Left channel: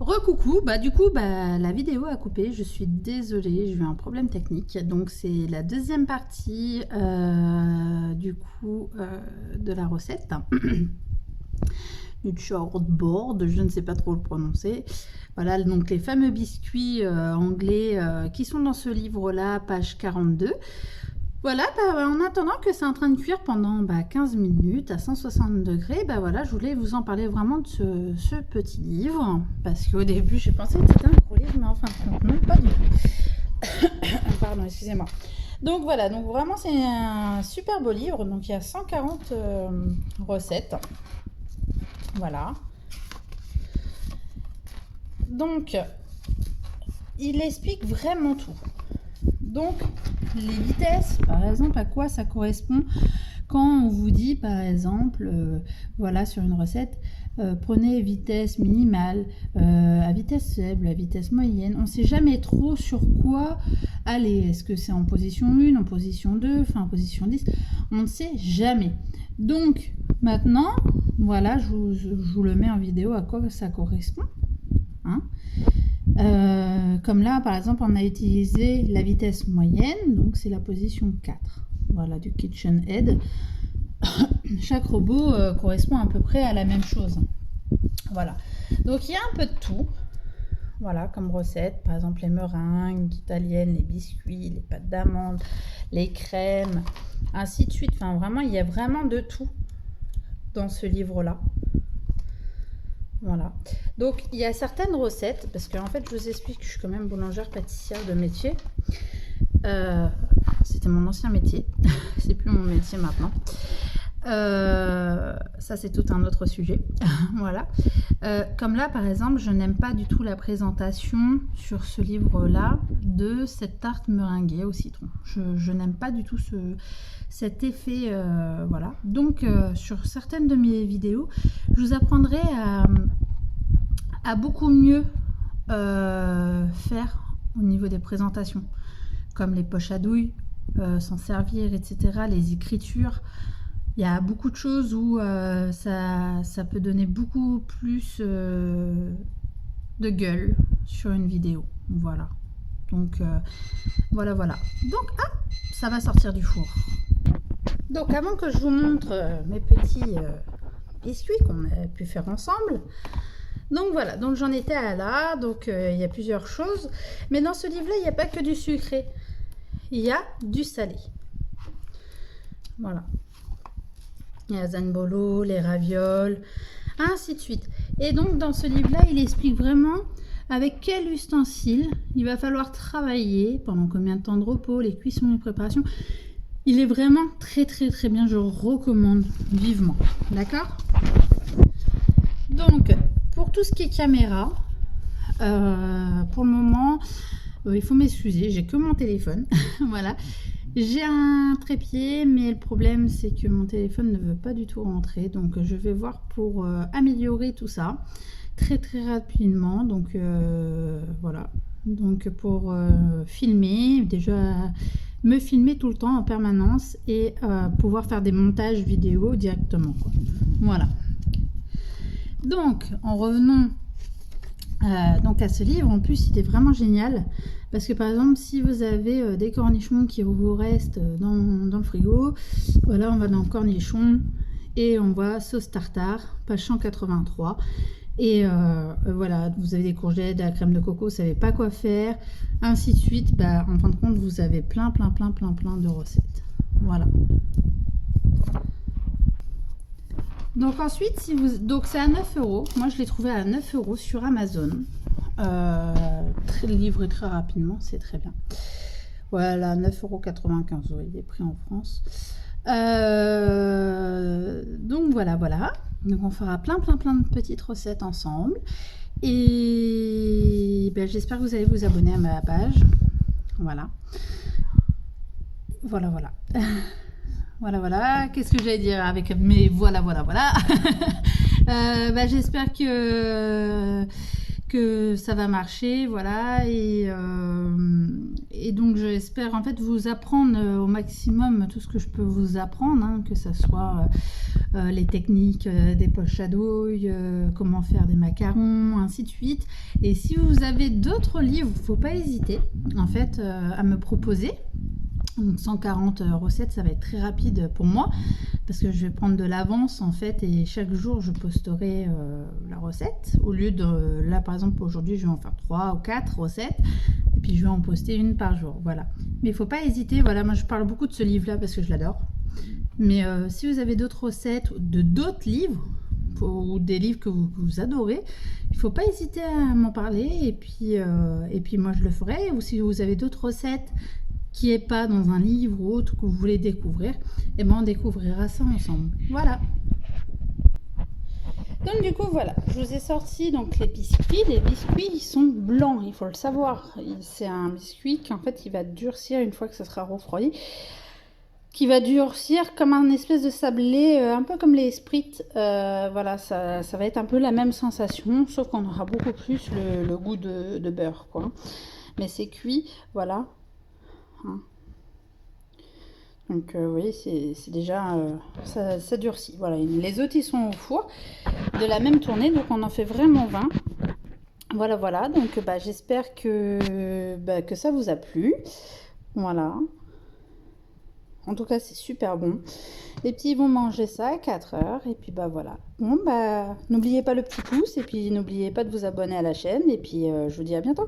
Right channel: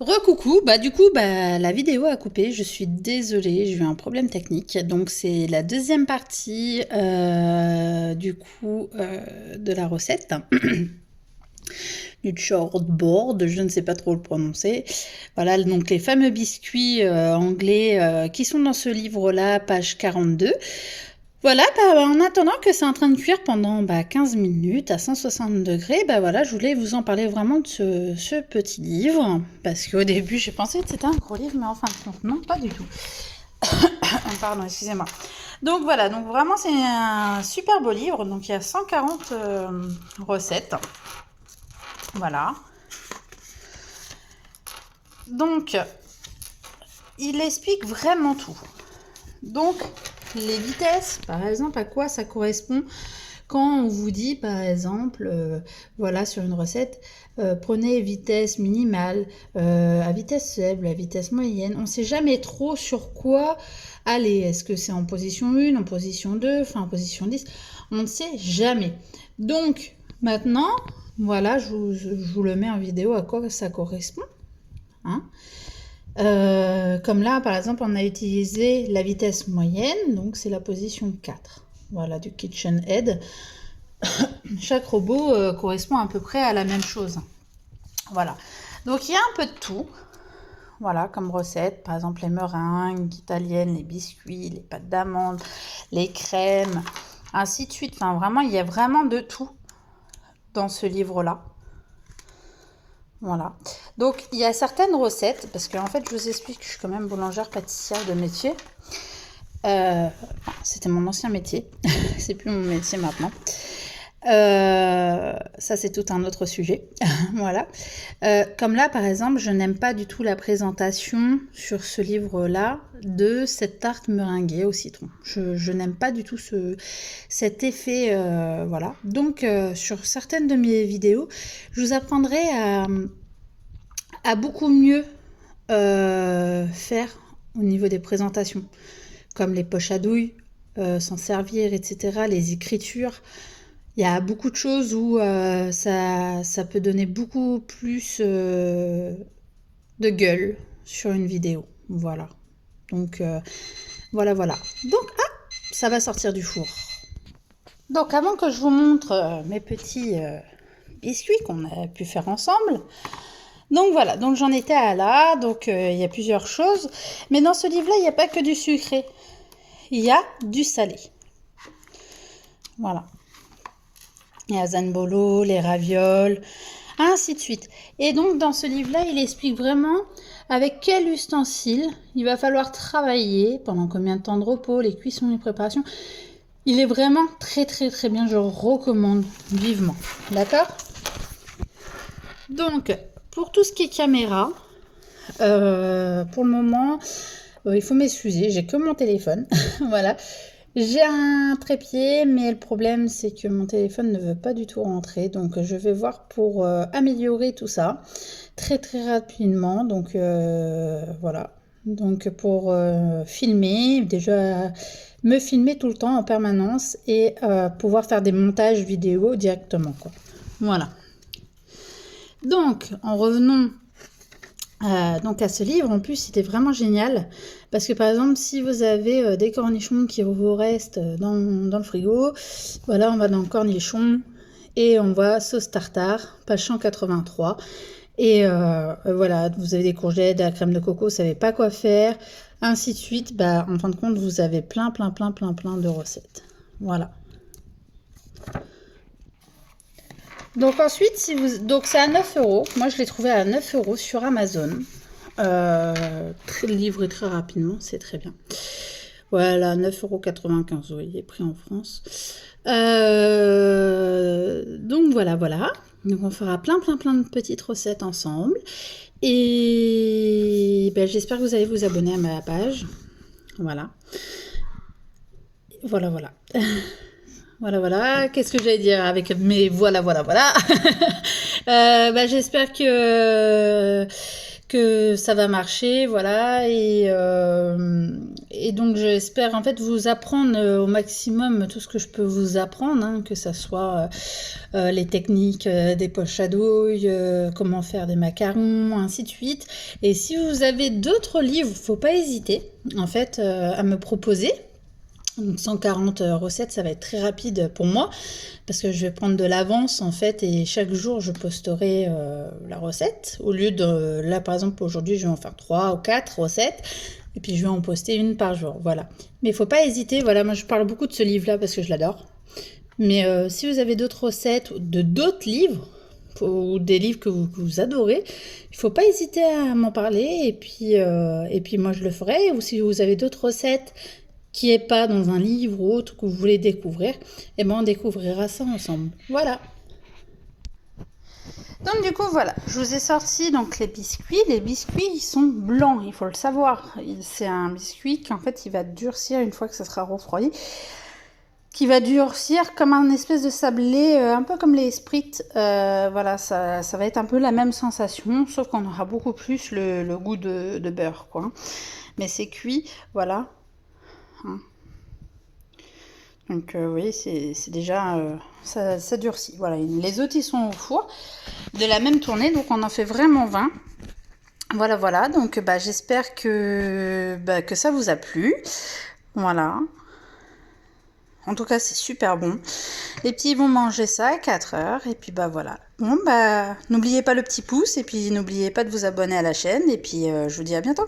Recoucou, bah du coup la vidéo a coupé, je suis désolée, j'ai eu un problème technique. Donc c'est la deuxième partie de la recette du shortboard, je ne sais pas trop le prononcer. Voilà, donc les fameux biscuits anglais qui sont dans ce livre-là, page 42. Voilà, en attendant que c'est en train de cuire pendant 15 minutes à 160 degrés, voilà, je voulais vous en parler vraiment de ce petit livre, parce qu'au début j'ai pensé que c'était un gros livre, mais en fin de compte, non, pas du tout. Pardon, excusez-moi. Donc voilà, donc vraiment c'est un super beau livre, donc il y a 140 recettes. Voilà. Donc, il explique vraiment tout. Donc, les vitesses, par exemple, à quoi ça correspond quand on vous dit, par exemple, voilà, sur une recette, prenez vitesse minimale, à vitesse faible, à vitesse moyenne. On ne sait jamais trop sur quoi aller. Est-ce que c'est en position 1, en position 2, enfin en position 10? On ne sait jamais. Donc, maintenant, voilà, je vous le mets en vidéo à quoi ça correspond. Hein. Comme là, par exemple, on a utilisé la vitesse moyenne, donc c'est la position 4. Voilà, du KitchenAid. Chaque robot correspond à peu près à la même chose. Voilà. Donc il y a un peu de tout. Voilà, comme recette. Par exemple, les meringues italiennes, les biscuits, les pâtes d'amandes, les crèmes, ainsi de suite. Enfin, vraiment, il y a vraiment de tout dans ce livre-là. Voilà. Donc, il y a certaines recettes, parce qu'en fait, je vous explique que je suis quand même boulangère pâtissière de métier. C'était mon ancien métier. C'est plus mon métier maintenant. Ça, c'est tout un autre sujet. Voilà. Comme là, par exemple, je n'aime pas du tout la présentation sur ce livre-là de cette tarte meringuée au citron. Je n'aime pas du tout cet effet. Voilà. Donc, sur certaines de mes vidéos, je vous apprendrai à beaucoup mieux faire au niveau des présentations, comme les poches à douille, s'en servir, etc., les écritures. Il y a beaucoup de choses où ça peut donner beaucoup plus de gueule sur une vidéo. Voilà. Donc, voilà. Donc, ça va sortir du four. Donc, avant que je vous montre mes petits biscuits qu'on a pu faire ensemble, donc voilà, donc j'en étais à là, donc il y a plusieurs choses. Mais dans ce livre-là, il n'y a pas que du sucré. Il y a du salé. Voilà. Il y a Zanbolo, les ravioles, ainsi de suite. Et donc, dans ce livre-là, il explique vraiment avec quel ustensile il va falloir travailler, pendant combien de temps de repos, les cuissons, les préparations. Il est vraiment très, très, très bien. Je recommande vivement. D'accord? Donc, pour tout ce qui est caméra, pour le moment, il faut m'excuser, j'ai que mon téléphone. Voilà. J'ai un trépied, mais le problème, c'est que mon téléphone ne veut pas du tout rentrer. Donc, je vais voir pour améliorer tout ça très, très rapidement. Donc, voilà. Donc, pour filmer, déjà me filmer tout le temps en permanence et pouvoir faire des montages vidéo directement, quoi. Voilà. Donc, en revenant donc à ce livre, en plus, il est vraiment génial. Parce que par exemple, si vous avez des cornichons qui vous restent dans le frigo, voilà, on va dans le cornichon et on voit sauce tartare, page 183. Et voilà, vous avez des courgettes, de la crème de coco, vous ne savez pas quoi faire, ainsi de suite. En fin de compte, vous avez plein de recettes. Voilà. Donc ensuite, donc c'est à 9 €. Moi, je l'ai trouvé à 9 € sur Amazon. Livré très rapidement, c'est très bien. Voilà, 9,95 €. Oui, il est pris en France. Donc voilà. Donc on fera plein de petites recettes ensemble. Et j'espère que vous allez vous abonner à ma page. Voilà. Voilà. Voilà. Qu'est-ce que j'allais dire avec mes voilà. J'espère que ça va marcher, voilà, et donc j'espère en fait vous apprendre au maximum tout ce que je peux vous apprendre, hein, que ça soit les techniques des poches à douille, comment faire des macarons, ainsi de suite. Et si vous avez d'autres livres, faut pas hésiter en fait à me proposer. Donc 140 recettes, ça va être très rapide pour moi parce que je vais prendre de l'avance en fait et chaque jour je posterai la recette au lieu de là par exemple aujourd'hui je vais en faire 3 ou 4 recettes et puis je vais en poster une par jour, voilà. Mais il faut pas hésiter, voilà, moi je parle beaucoup de ce livre là parce que je l'adore. Mais si vous avez d'autres recettes de d'autres livres ou des livres que vous adorez, il faut pas hésiter à m'en parler et puis moi je le ferai. Ou si vous avez d'autres recettes qui n'est pas dans un livre ou autre que vous voulez découvrir, et ben on découvrira ça ensemble. Voilà. Donc du coup voilà, je vous ai sorti donc les biscuits. Les biscuits ils sont blancs, il faut le savoir. C'est un biscuit qui en fait il va durcir une fois que ça sera refroidi, qui va durcir comme un espèce de sablé, un peu comme les Spritz. Voilà, ça va être un peu la même sensation, sauf qu'on aura beaucoup plus le goût de beurre, quoi. Mais c'est cuit, voilà. Hein. Donc oui, c'est déjà ça durcit. Voilà, les autres ils sont au four de la même tournée, donc on en fait vraiment 20. Voilà, donc j'espère que ça vous a plu. Voilà. En tout cas, c'est super bon. Les petits vont manger ça à 4 heures. Et puis voilà. Bon, n'oubliez pas le petit pouce. Et puis n'oubliez pas de vous abonner à la chaîne. Et puis je vous dis à bientôt.